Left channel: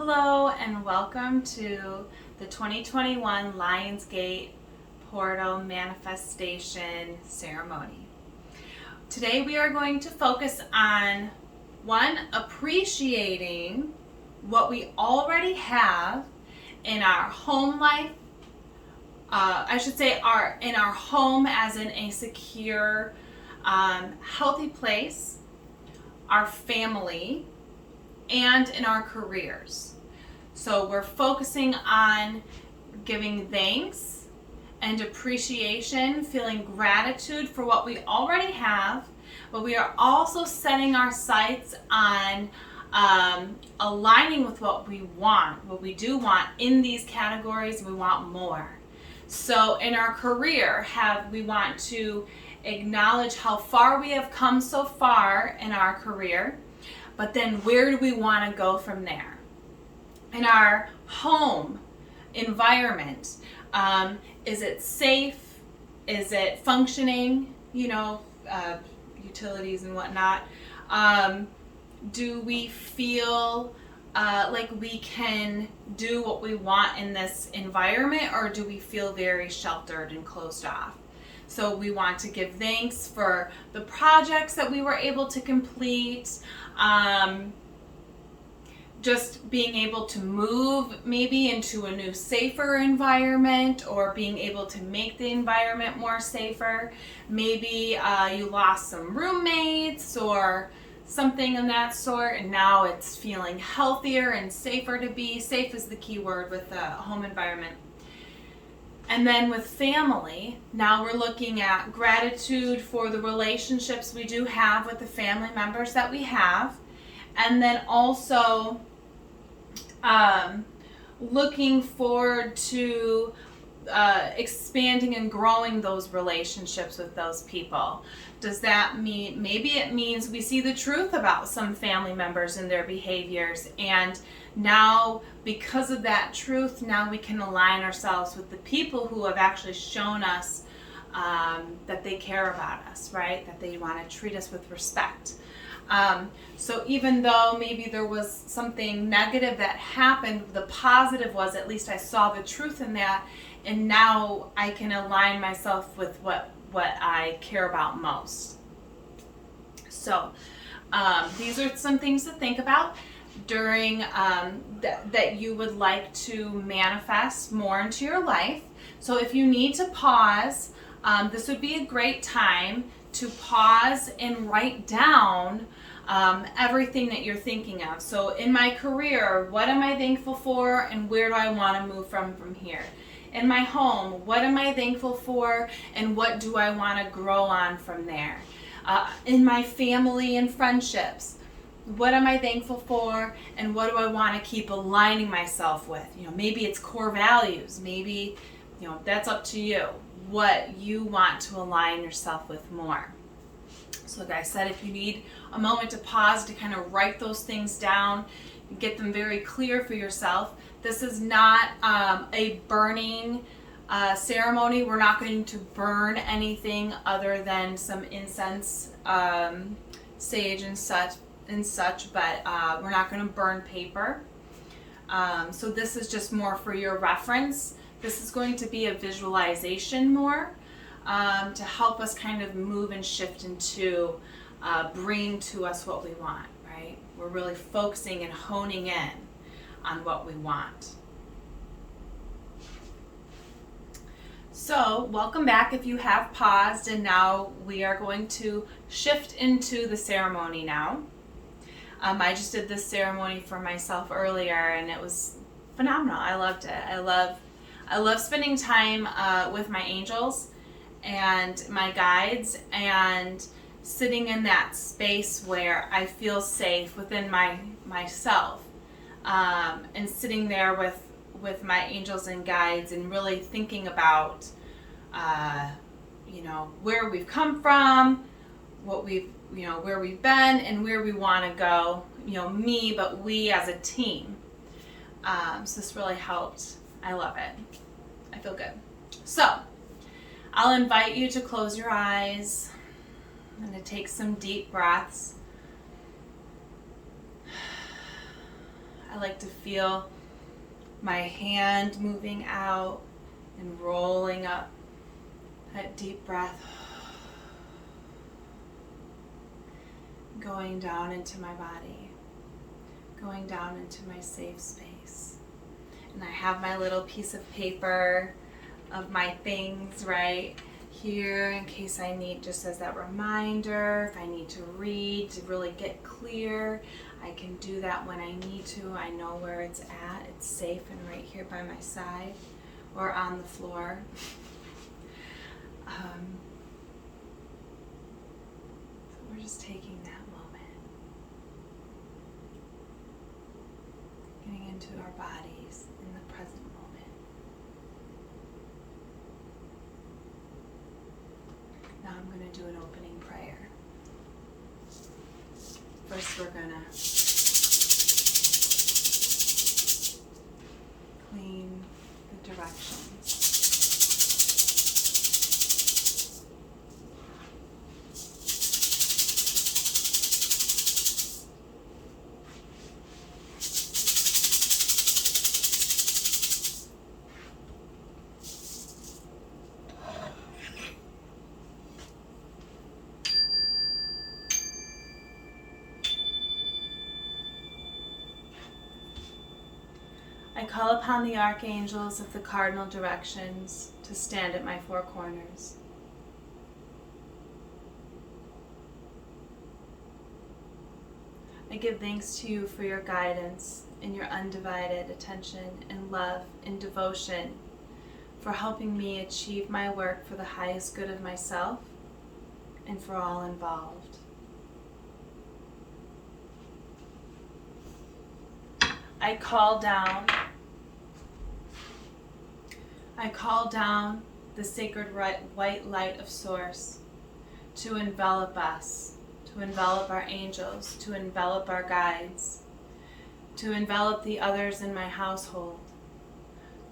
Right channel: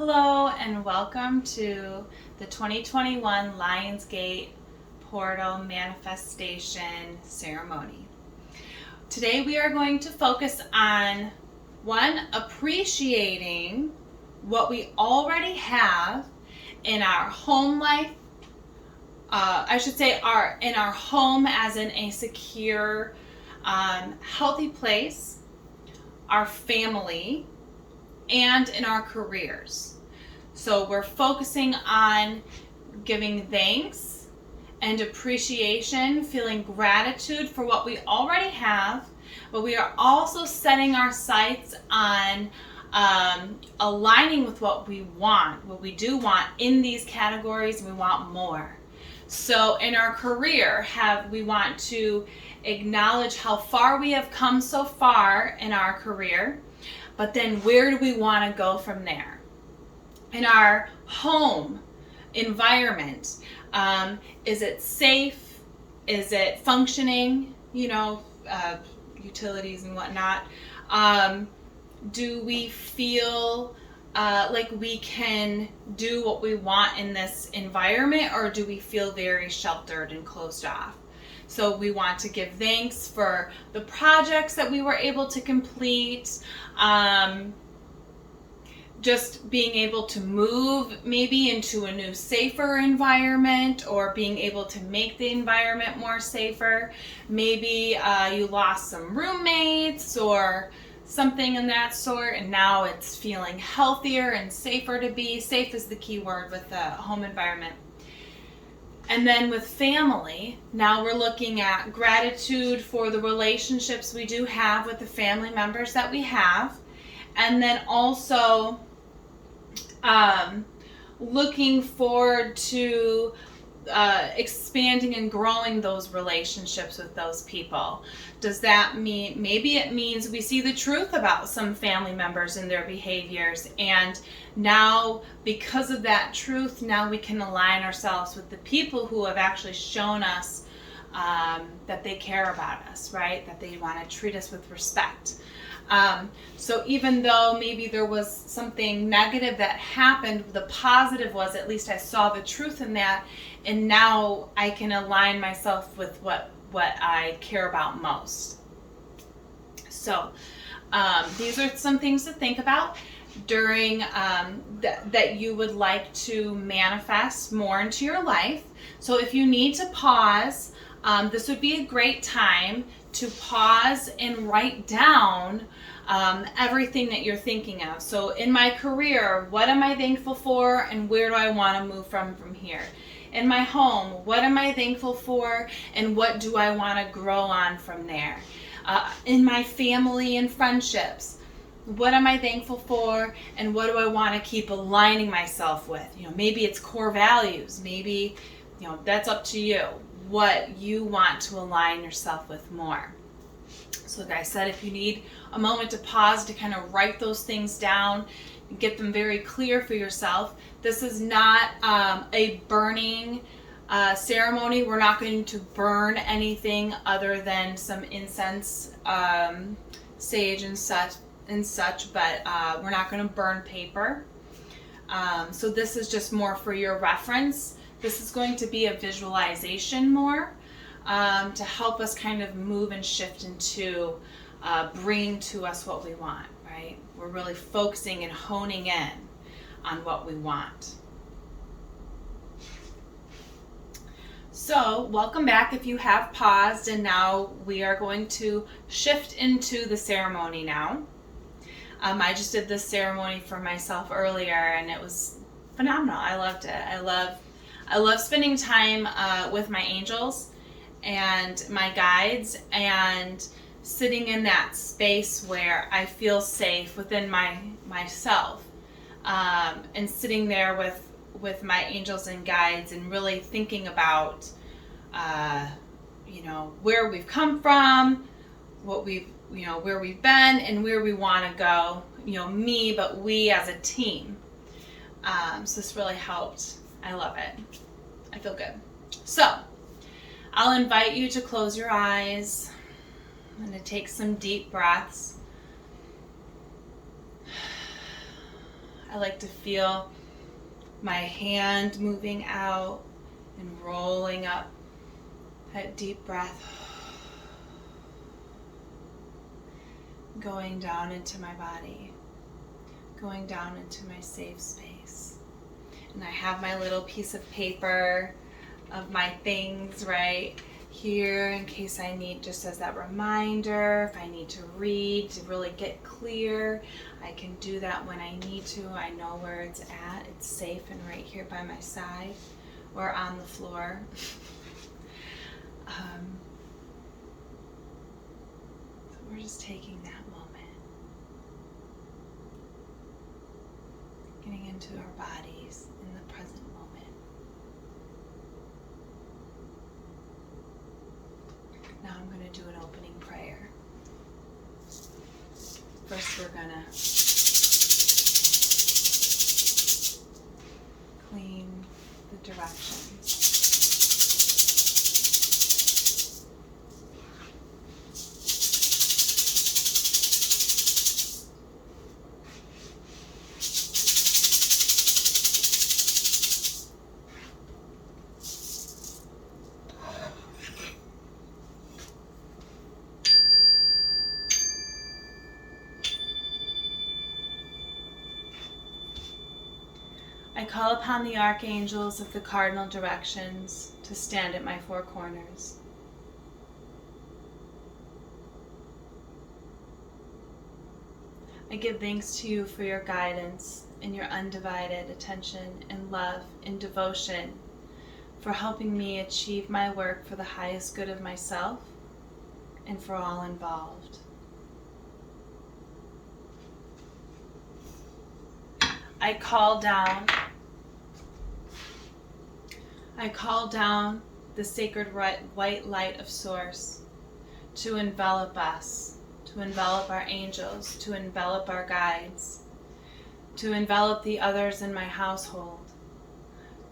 Hello and welcome to the 2021 Lionsgate Portal Manifestation Ceremony. Today we are going to focus on appreciating what we already have in our home life. In our home as in a secure, healthy place, our family, and in our careers. So we're focusing on giving thanks and appreciation, feeling gratitude for what we already have, but we are also setting our sights on aligning with what we do want in these categories, and we want more. So in our career, we want to acknowledge how far we have come so far in our career, but then where do we want to go from there? In our home environment, is it safe? Is it functioning? Utilities and whatnot. Do we feel like we can do what we want in this environment, or do we feel very sheltered and closed off? So we want to give thanks for the projects that we were able to complete, just being able to move maybe into a new safer environment, or being able to make the environment more safer. Maybe you lost some roommates or something in that sort, and now it's feeling healthier and safer to be. Safe is the key word with the home environment. And then with family, now we're looking at gratitude for the relationships we do have with the family members that we have. And then also looking forward to expanding and growing those relationships with those people. Does that mean, maybe it means we see the truth about some family members and their behaviors, and now because of that truth, now we can align ourselves with the people who have actually shown us that they care about us, right? That they want to treat us with respect. So even though maybe there was something negative that happened, the positive was at least I saw the truth in that, and now I can align myself with what I care about most. So these are some things to think about during that you would like to manifest more into your life. So if you need to pause, this would be a great time to pause and write down everything that you're thinking of. So in my career, what am I thankful for, and where do I want to move from here? In my home, what am I thankful for, and what do I want to grow on from there? In my family and friendships, what am I thankful for, and what do I want to keep aligning myself with? Maybe it's core values. Maybe, that's up to you, what you want to align yourself with more. So like I said, if you need a moment to pause to kind of write those things down and get them very clear for yourself. This is not a burning ceremony. We're not going to burn anything other than some incense, sage and such, but we're not going to burn paper. So this is just more for your reference. This is going to be a visualization more to help us kind of move and shift into bringing to us what we want, right? We're really focusing and honing in on what we want. So welcome back if you have paused, and now we are going to shift into the ceremony now. I just did this ceremony for myself earlier, and it was phenomenal. I loved it. I love spending time with my angels and my guides, and sitting in that space where I feel safe within myself, and sitting there with my angels and guides, and really thinking about where we've come from, where we've been, and where we want to go. Me, but we as a team. So this really helped. I love it. I feel good. So I'll invite you to close your eyes and to take some deep breaths. I like to feel my hand moving out and rolling up. That deep breath. Going down into my body. Going down into my safe space. And I have my little piece of paper of my things right here in case I need, just as that reminder, if I need to read to really get clear, I can do that when I need to. I know where it's at. It's safe and right here by my side or on the floor. So we're just taking that moment, getting into our bodies in the present moment. Now I'm going to do an opening prayer. First we're going to clean the directions. I call upon the archangels of the cardinal directions to stand at my four corners. I give thanks to you for your guidance and your undivided attention and love and devotion for helping me achieve my work for the highest good of myself and for all involved. I call down the sacred white light of Source to envelop us, to envelop our angels, to envelop our guides, to envelop the others in my household,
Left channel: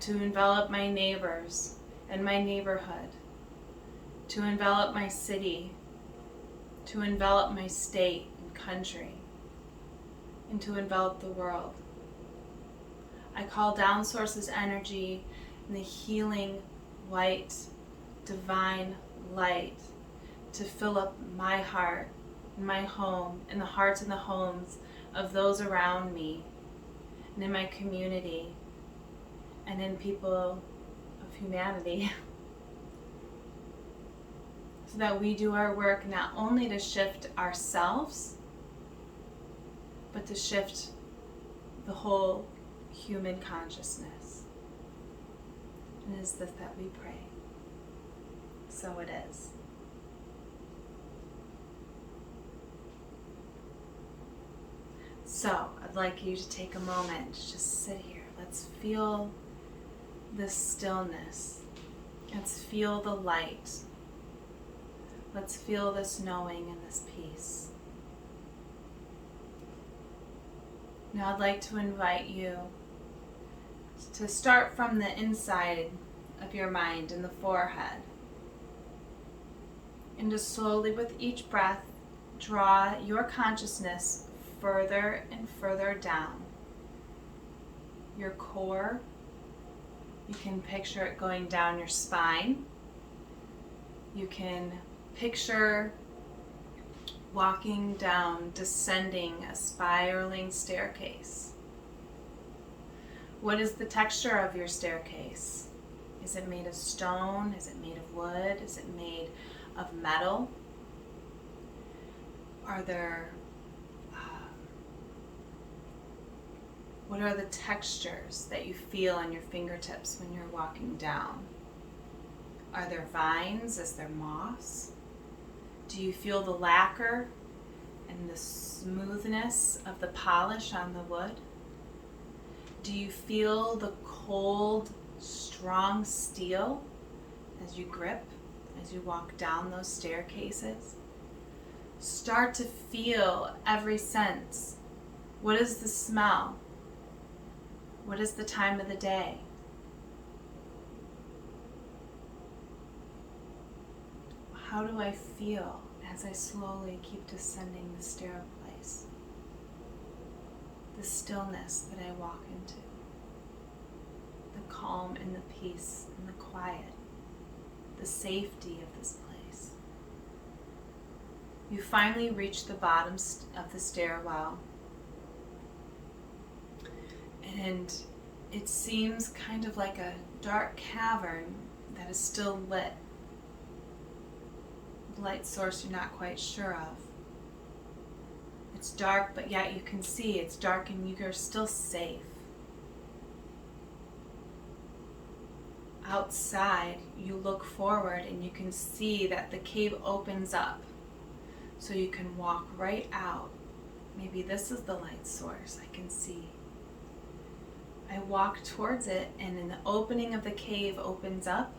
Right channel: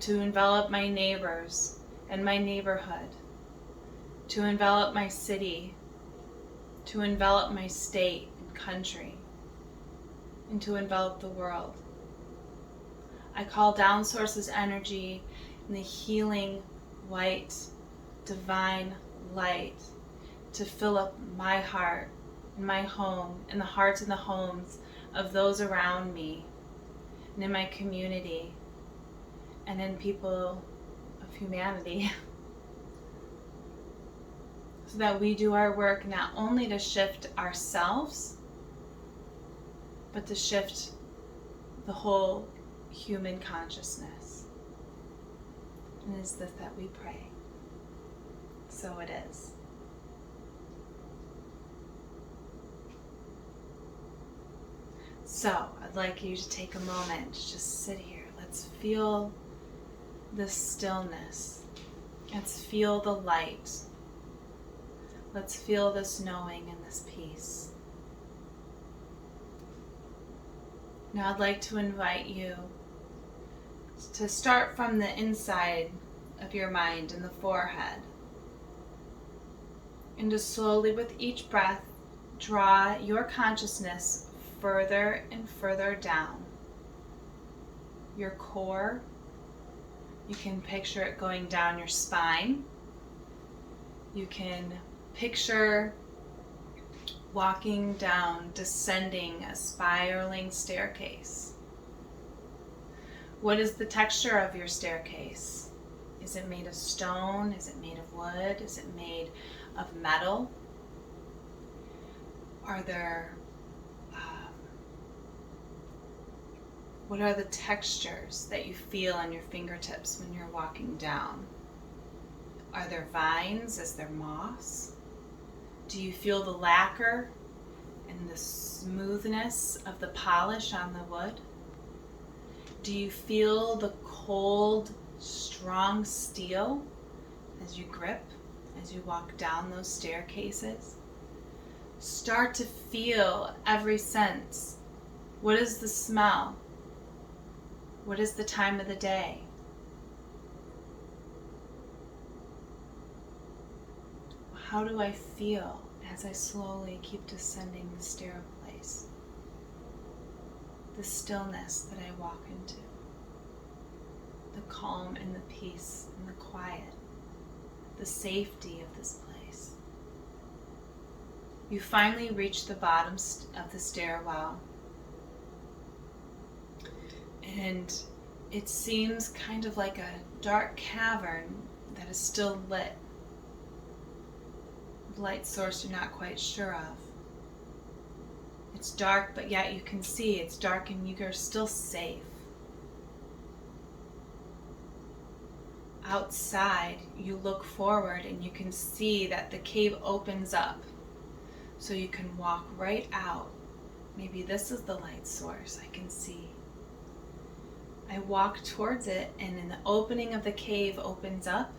to envelop my neighbors and my neighborhood, to envelop my city, to envelop my state and country, and to envelop the world. I call down Source's energy and the healing, white, divine light to fill up my heart, my home, and the hearts and the homes of those around me, and in my community, and in people of humanity, so that we do our work not only to shift ourselves, but to shift the whole human consciousness. And it is this that we pray. So it is. So I'd like you to take a moment to just sit here. Let's feel this stillness. Let's feel the light. Let's feel this knowing and this peace. Now I'd like to invite you to start from the inside of your mind in the forehead, and to slowly with each breath draw your consciousness further and further down. Your core, you can picture it going down your spine. You can picture walking down, descending a spiraling staircase. What is the texture of your staircase? Is it made of stone? Is it made of wood? Is it made of metal? Are there, what are the textures that you feel on your fingertips when you're walking down? Are there vines? Is there moss? Do you feel the lacquer and the smoothness of the polish on the wood? Do you feel the cold, strong steel as you grip, as you walk down those staircases? Start to feel every sense. What is the smell? What is the time of the day? How do I feel as I slowly keep descending the staircase? the stillness that I walk into, the calm and the peace and the quiet, the safety of this place. You finally reach the bottom of the stairwell, and it seems kind of like a dark cavern that is still lit. The light source you're not quite sure of. It's dark, but yet you can see it's dark and you're still safe. Outside, you look forward and you can see that the cave opens up. So you can walk right out. Maybe this is the light source I can see. I walk towards it, and in the opening of the cave opens up,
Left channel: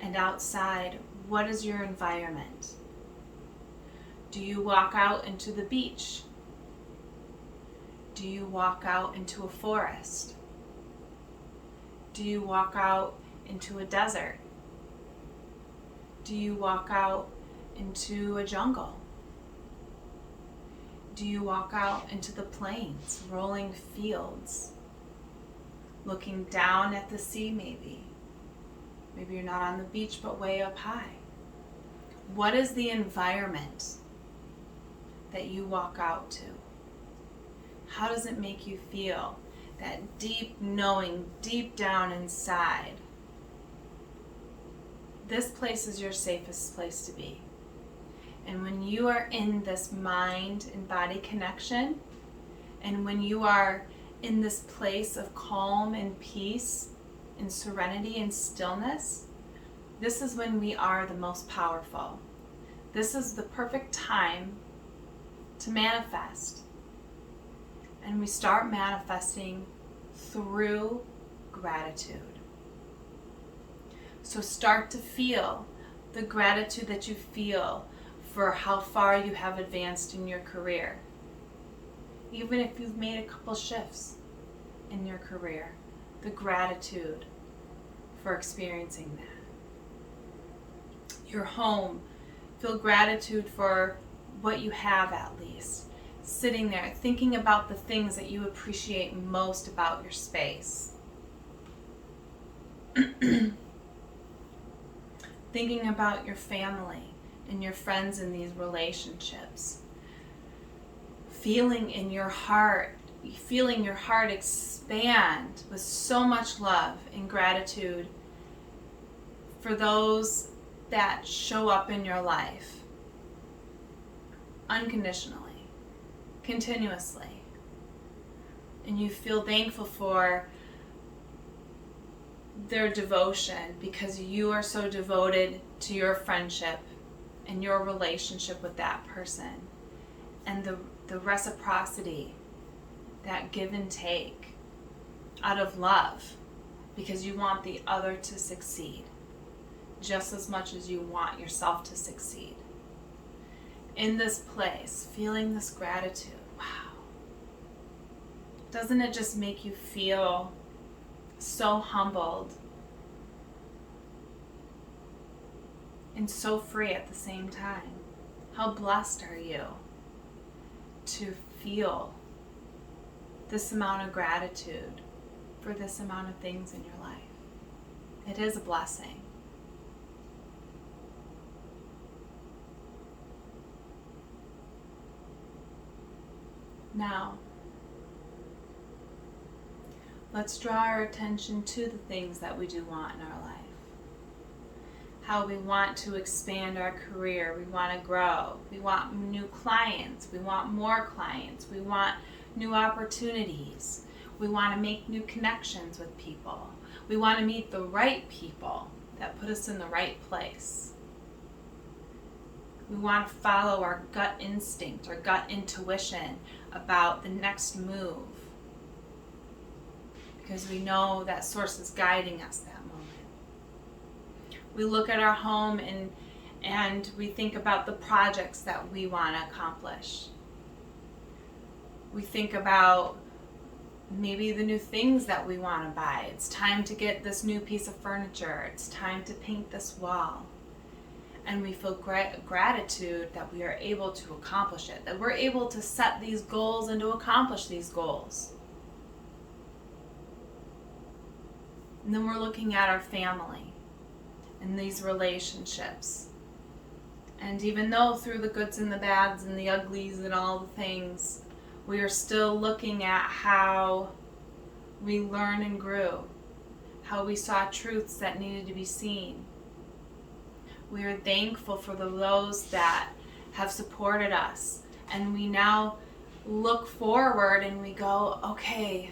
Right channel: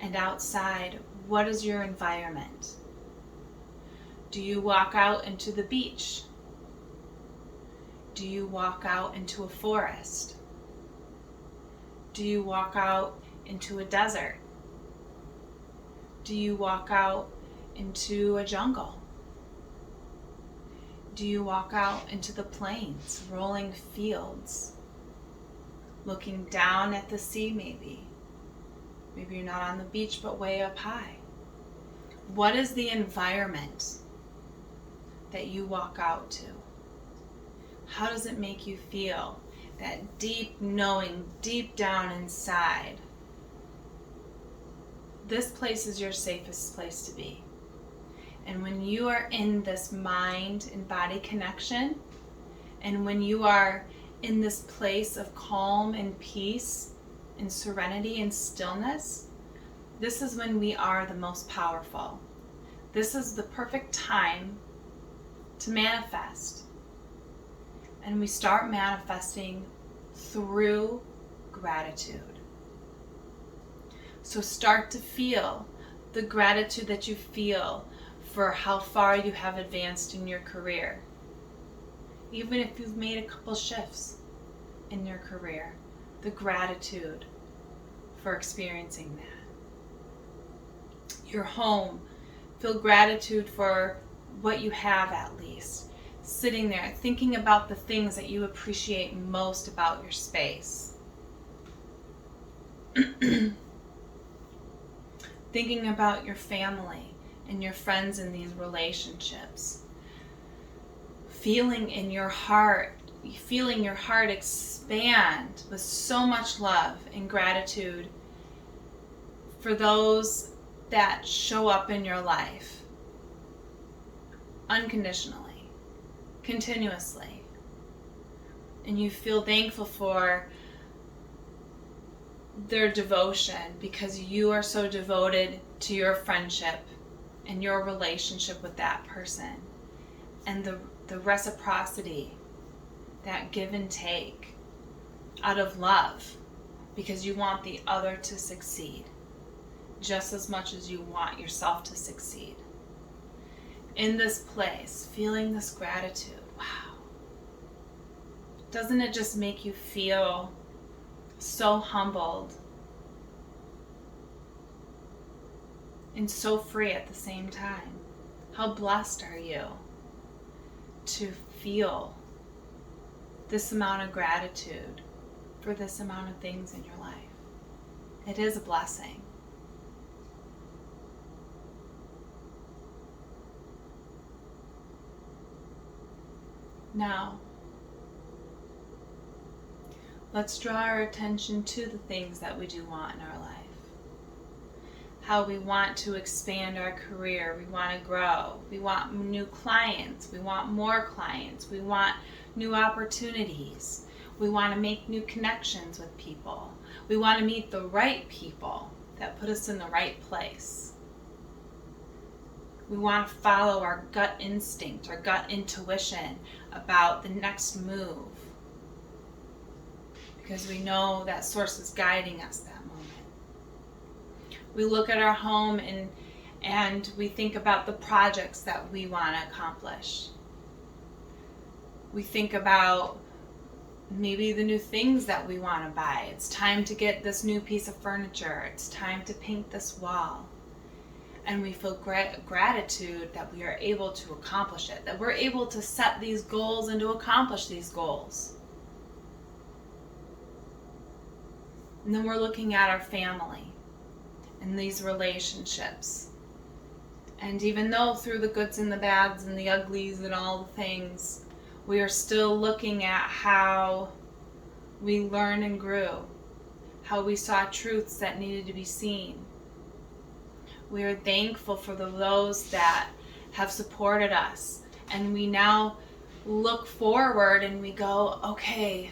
and outside, what is your environment? Do you walk out into the beach? Do you walk out into a forest? Do you walk out into a desert? Do you walk out into a jungle? Do you walk out into the plains, rolling fields, looking down at the sea maybe? Maybe you're not on the beach, but way up high. What is the environment that you walk out to? How does it make you feel? That deep knowing, deep down inside, this place is your safest place to be. And when you are in this mind and body connection, and when you are in this place of calm and peace and serenity and stillness, this is when we are the most powerful. This is the perfect time to manifest. And we start manifesting through gratitude. So start to feel the gratitude that you feel for how far you have advanced in your career. Even if you've made a couple shifts in your career, the gratitude for experiencing that. Your home, feel gratitude for what you have at least. Sitting there, thinking about the things that you appreciate most about your space. Thinking about your family and your friends in these relationships. Feeling in your heart, feeling your heart expand with so much love and gratitude for those that show up in your life unconditionally, continuously. And you feel thankful for their devotion because you are so devoted to your friendship and your relationship with that person, and the reciprocity, that give and take out of love, because you want the other to succeed just as much as you want yourself to succeed. In this place, feeling this gratitude, wow. Doesn't it just make you feel so humbled and so free at the same time? How blessed are you to feel this amount of gratitude for this amount of things in your life? It is a blessing. Now, let's draw our attention to the things that we do want in our life. How we want to expand our career, we want to grow, we want new clients, we want more clients, we want new opportunities, we want to make new connections with people, we want to meet the right people that put us in the right place. We want to follow our gut instinct, our gut intuition about the next move, because we know that source is guiding us that moment. We look at our home and we think about the projects that we want to accomplish. We think about maybe the new things that we want to buy. It's time to get this new piece of furniture. It's time to paint this wall. And we feel gratitude that we are able to accomplish it, that we're able to set these goals and to accomplish these goals. And then we're looking at our family and these relationships. And even though through the goods and the bads and the uglies and all the things, we are still looking at how we learned and grew, how we saw truths that needed to be seen. We are thankful for those that have supported us. And we now look forward and we go, okay,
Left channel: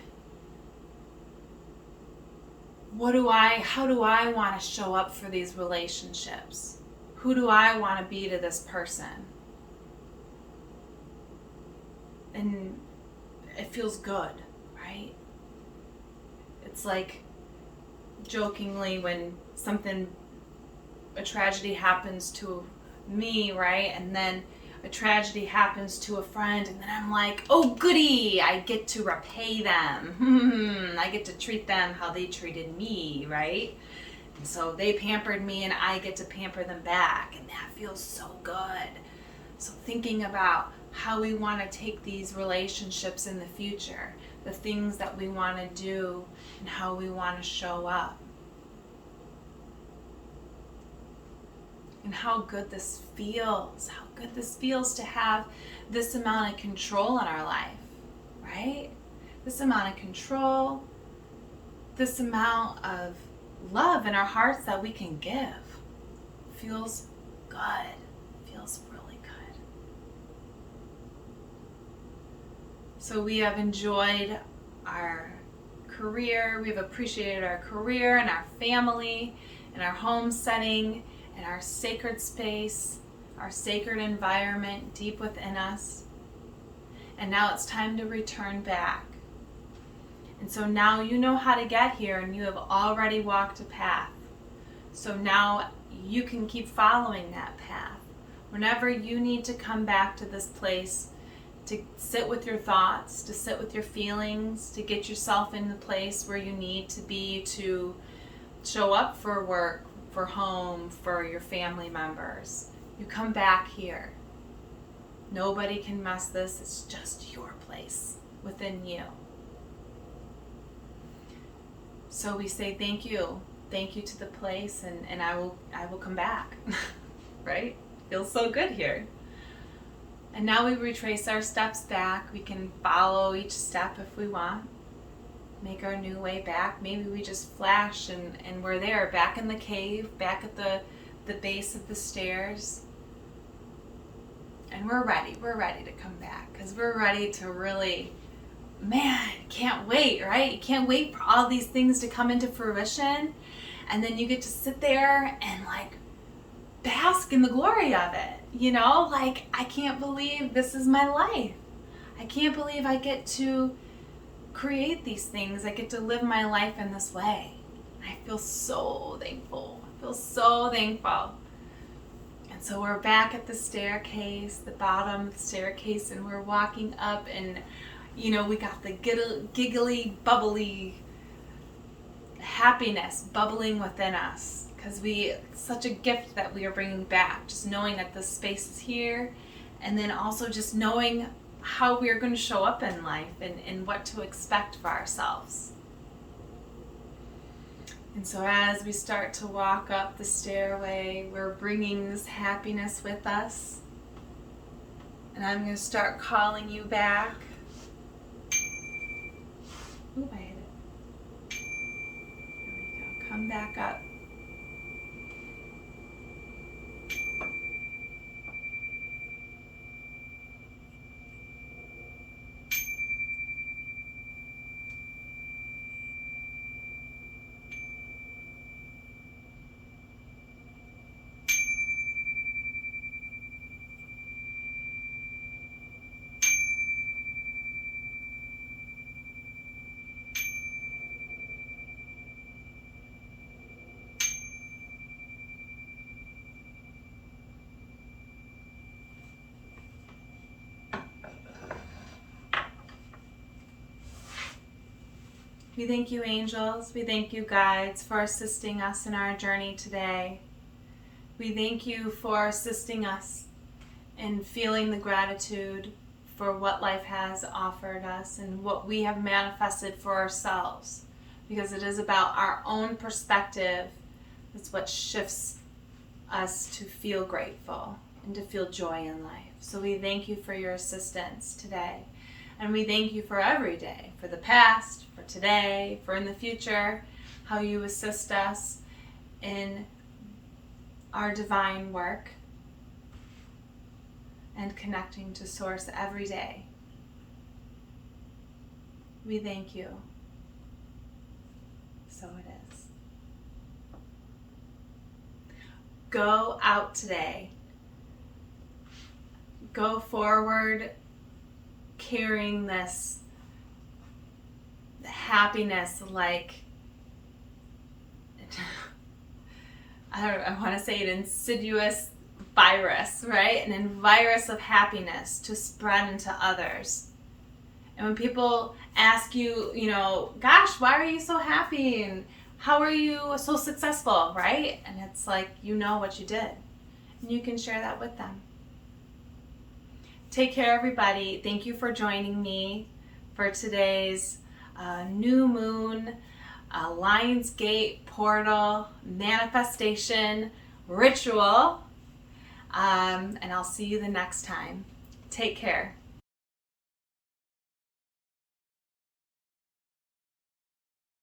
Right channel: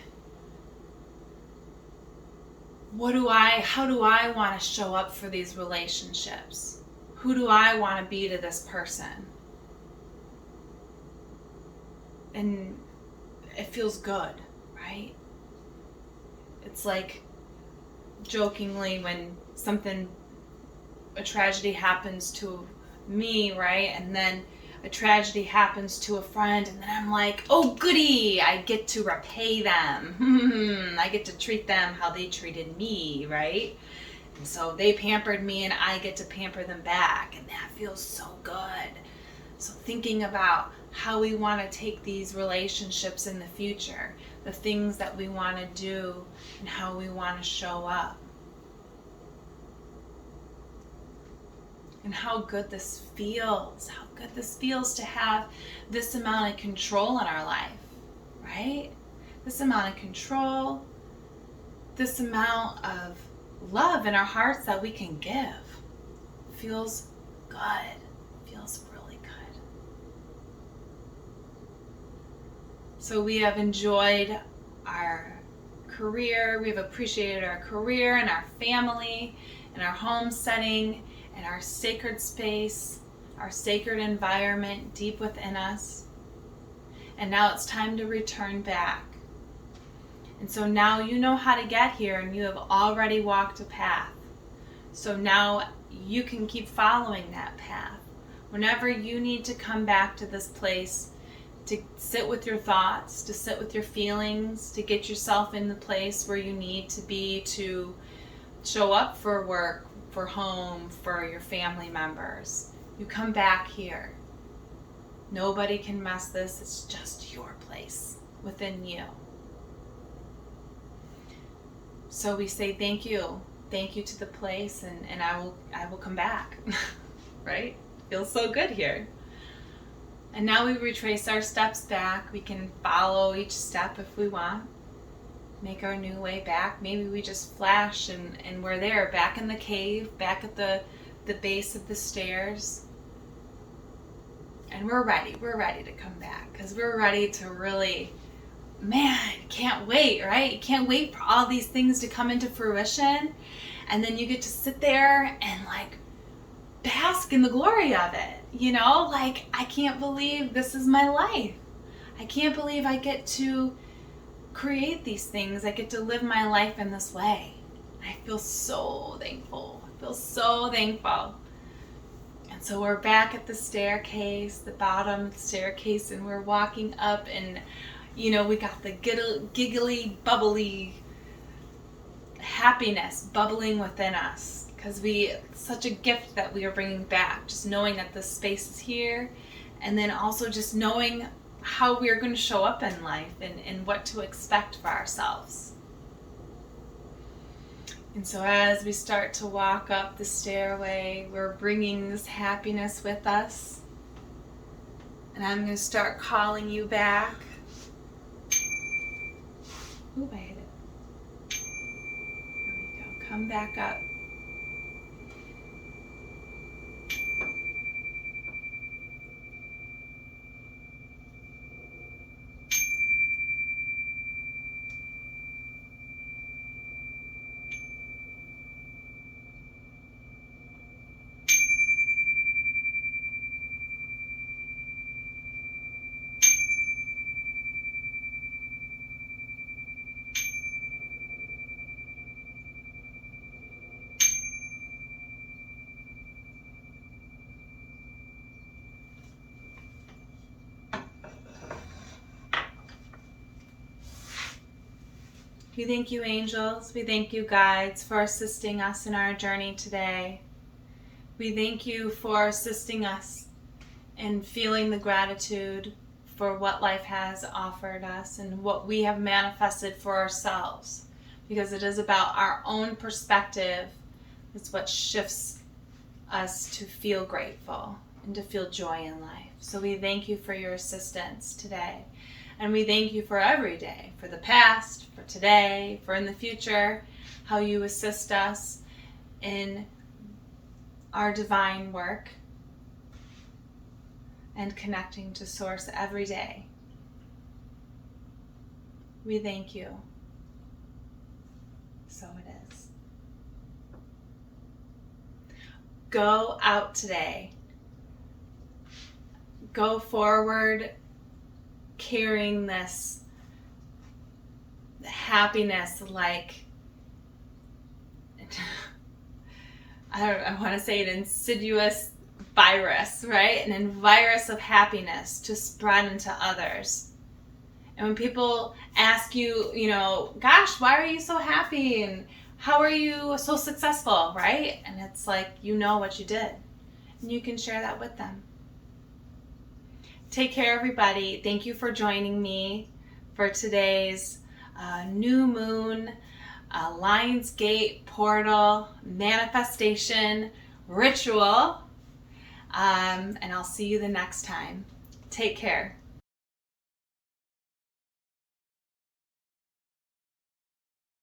how do I want to show up for these relationships? Who do I want to be to this person? And it feels good, right? It's like jokingly when a tragedy happens to me, right? And then a tragedy happens to a friend, and then I'm like, oh goody, I get to repay them. I get to treat them how they treated me, right? And so they pampered me and I get to pamper them back, and that feels so good. So thinking about how we want to take these relationships in the future, the things that we want to do and how we want to show up. And how good this feels to have this amount of control in our life, right? This amount of control, this amount of love in our hearts that we can give. Feels good, feels really good. So we have enjoyed our career, we've appreciated our career and our family and our home setting and our sacred space, our sacred environment deep within us. And now it's time to return back. And so now you know how to get here and you have already walked a path. So now you can keep following that path. Whenever you need to come back to this place, to sit with your thoughts, to sit with your feelings, to get yourself in the place where you need to be to show up for work, for home, for your family members. You come back here. Nobody can mess this. It's just your place within you. So we say thank you. Thank you to the place, and I will come back. Right? Feels so good here. And now we retrace our steps back. We can follow each step if we want. Make our new way back. Maybe we just flash and we're there, back in the cave, back at the base of the stairs. And we're ready to come back because we're ready to really, can't wait, right? You can't wait for all these things to come into fruition. And then you get to sit there and like bask in the glory of it. You know, like, I can't believe this is my life. I can't believe I get to create these things. I get to live my life in this way. I feel so thankful. I feel so thankful. And so we're back at the staircase, the bottom staircase, and we're walking up, and you know, we got the giggly, bubbly happiness bubbling within us, because it's such a gift that we are bringing back, just knowing that this space is here, and then also just knowing how we are going to show up in life and what to expect for ourselves. And so as we start to walk up the stairway, we're bringing this happiness with us. And I'm going to start calling you back. Ooh, I hit it. Here we go. Come back up. We thank you, angels. We thank you, guides, for assisting us in our journey today. We thank you for assisting us in feeling the gratitude for what life has offered us and what we have manifested for ourselves, because it is about our own perspective. It's what shifts us to feel grateful and to feel joy in life. So we thank you for your assistance today. And we thank you for every day, for the past, for today, for in the future, how you assist us in our divine work and connecting to Source every day. We thank you. So it is. Go out today. Go forward carrying this happiness like, I want to say an insidious virus, right? An virus of happiness to spread into others. And when people ask you, gosh, why are you so happy? And how are you so successful, right? And it's like, you know what you did. And you can share that with them. Take care, everybody. Thank you for joining me for today's new moon, Lionsgate portal manifestation ritual. And I'll see you the next time. Take care.